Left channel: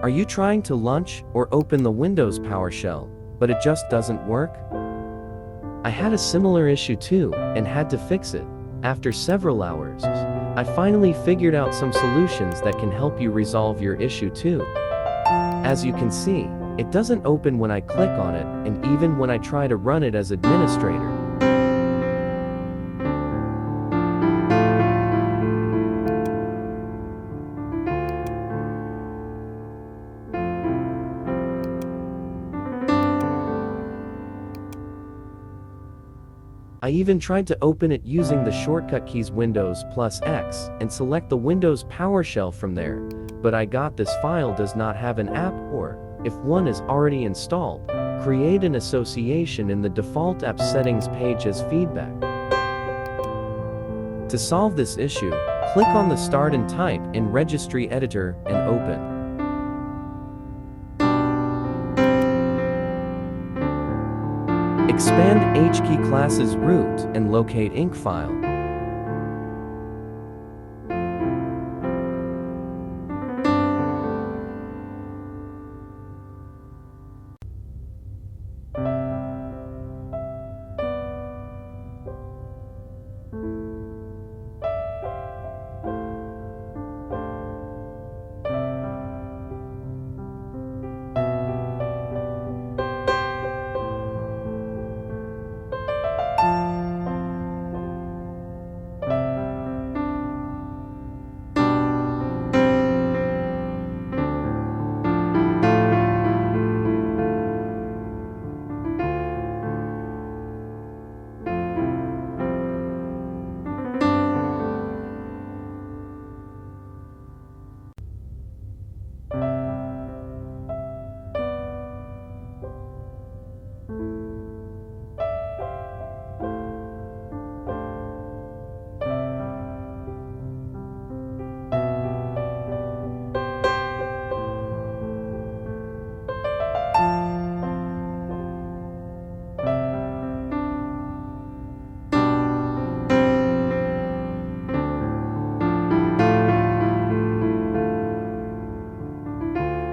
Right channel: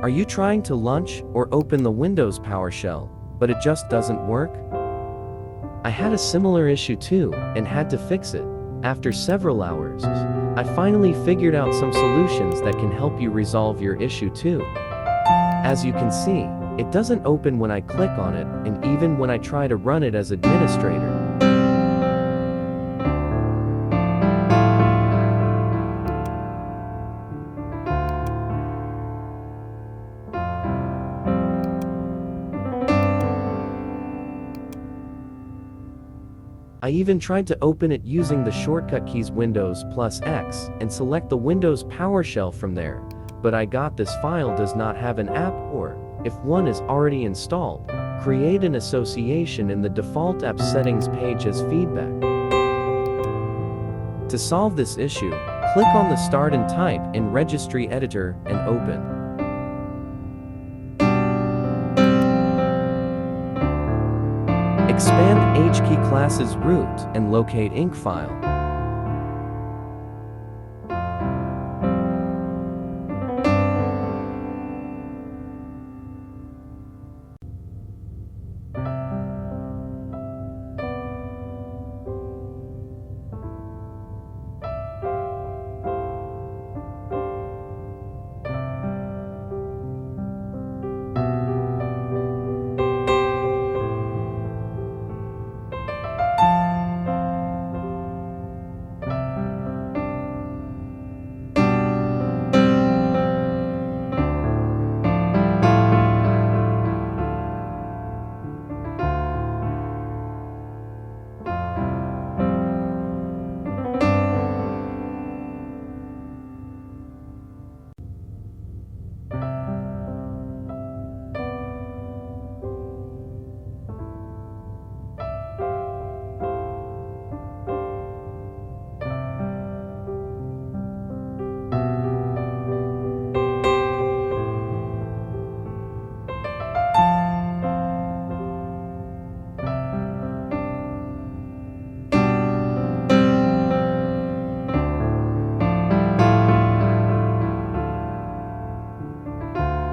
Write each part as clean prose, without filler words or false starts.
Are you trying to launch or open the Windows PowerShell, but it just doesn't work? I had a similar issue too, and had to fix it. After several hours, I finally figured out some solutions that can help you resolve your issue too. As you can see, it doesn't open when I click on it, and even when I try to run it as administrator. I even tried to open it using the shortcut keys Windows plus X and select the Windows PowerShell from there, but I got this file does not have an app, or, if one is already installed, create an association in the default app settings page as feedback. To solve this issue, click on the Start and Type in Registry Editor and open. Expand HKey class's root and locate inc file.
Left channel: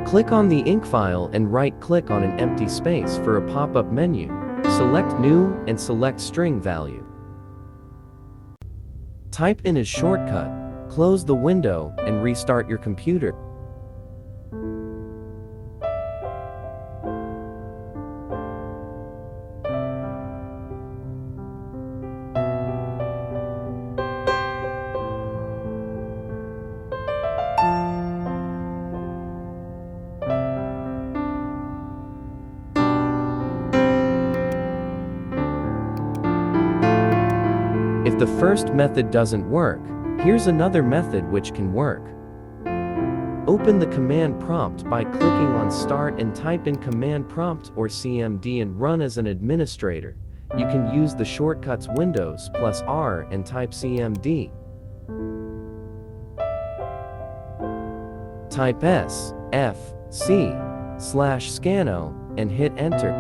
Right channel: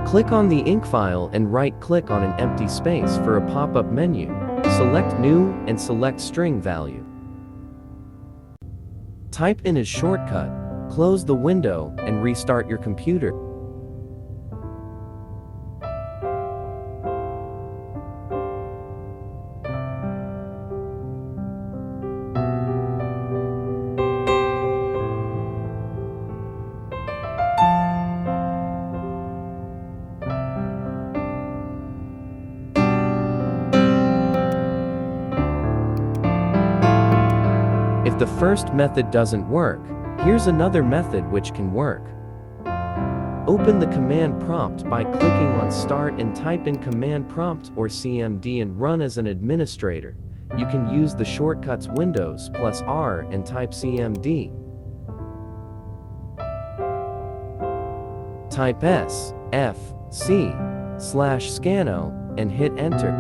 Click on the inc file and right-click on an empty space for a pop-up menu. Select New and select String Value. Type in as shortcut, close the window, and restart your computer. If the first method doesn't work, here's another method which can work. Open the command prompt by clicking on Start and type in command prompt or CMD and run as an administrator. You can use the shortcuts Windows plus R and type CMD. Type S/F/C/scanO and hit enter.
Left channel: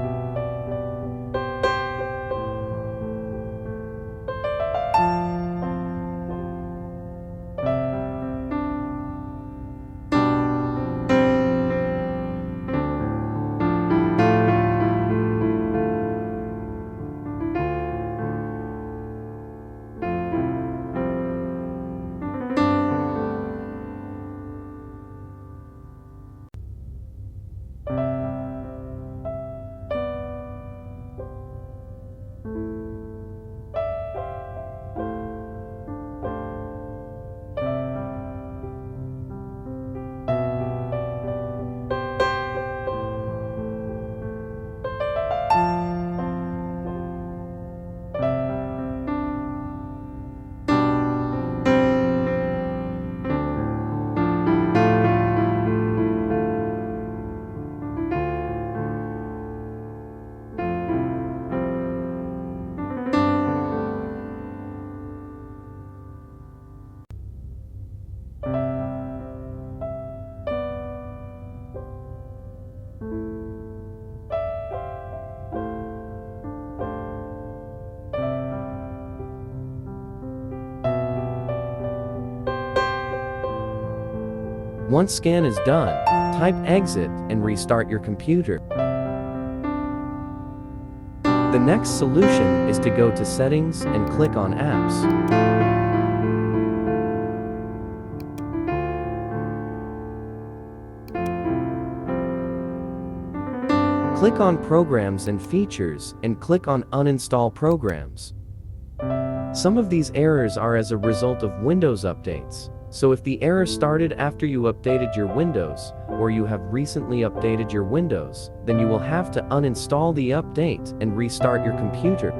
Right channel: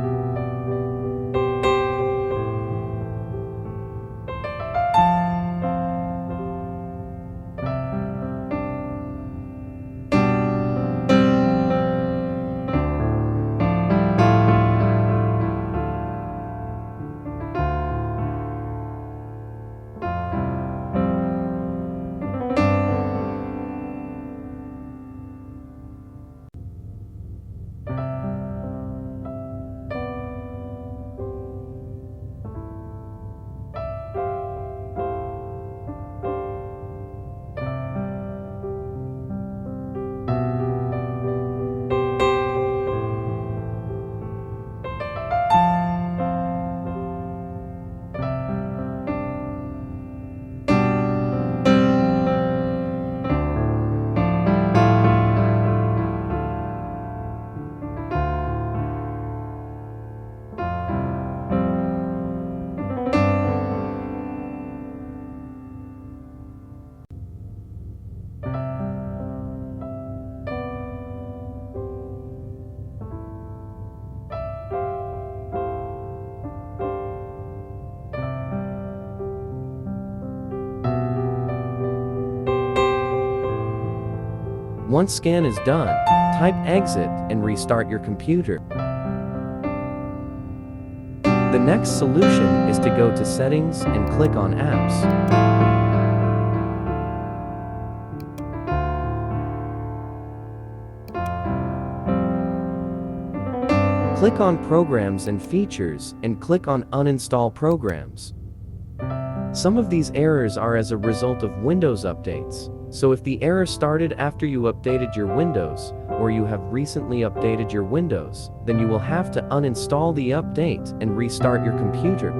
Once scan is done, Type exit and restart your computer. The next solution is to go to Settings and click on Apps. Click on Programs and Features and click on Uninstall Programs. Some of these errors are as a result of Windows updates, so if the error started after you updated your Windows, or you have recently updated your Windows, then you will have to uninstall the update and restart your computer.